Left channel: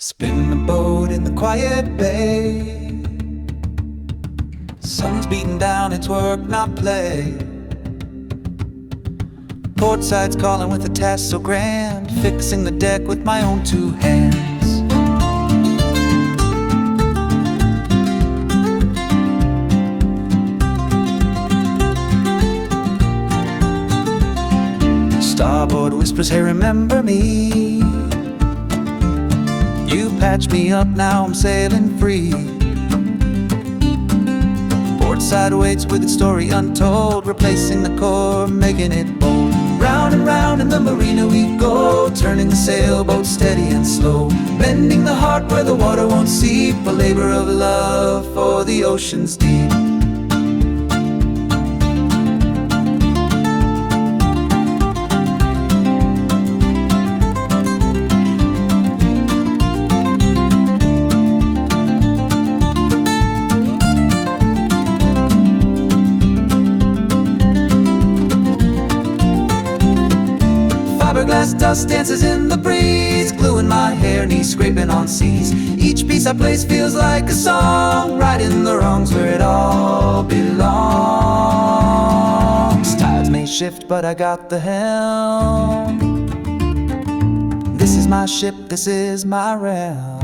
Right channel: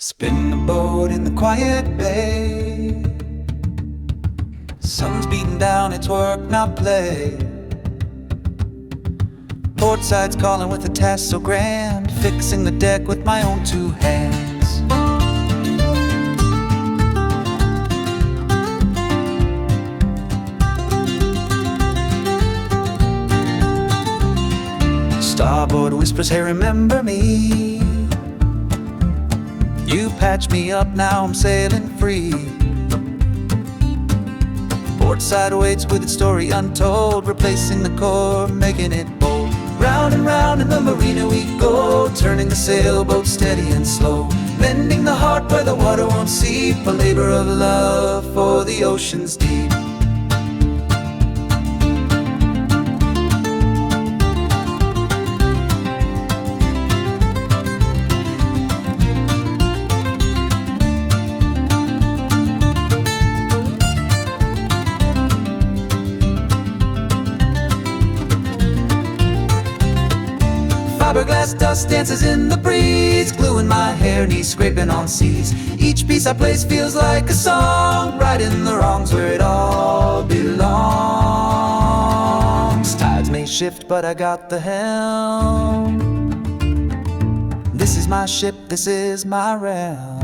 Spin the boat in the quiet bay. Sun's beating down, it's work, not play. Port side's calling with a task so grand, fixing the deck with my own two hands. Starboard whispers, hey, remember me? You patched me up, now I'm sailing free. Port side waits with its story untold, replacing the core, making it bold. Round and round in the marina we go, turning the sailboat steady and slow, mending the heart where the water won't seep, a labor of love for the ocean's deep. Fiberglass dust dances in the breeze, gluing my hair, knees scraping on seas. Each piece I place feels like a song, righting the wrongs where it all belongs. Tides may shift, but I got the helm. This is my ship, this is my realm.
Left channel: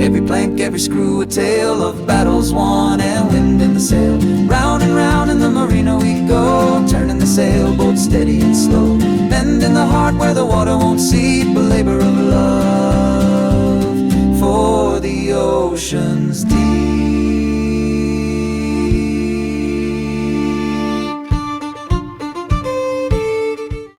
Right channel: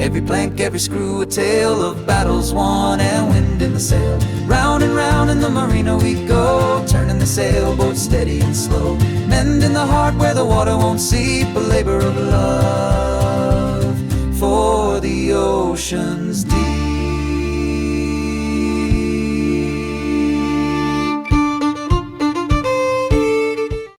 Every plank, every screw, a tale of battles won and wind in the sail. Round and round in the marina we go, turning the sailboat steady and slow, mending the heart where the water won't seep, a labor of love for the ocean's deep.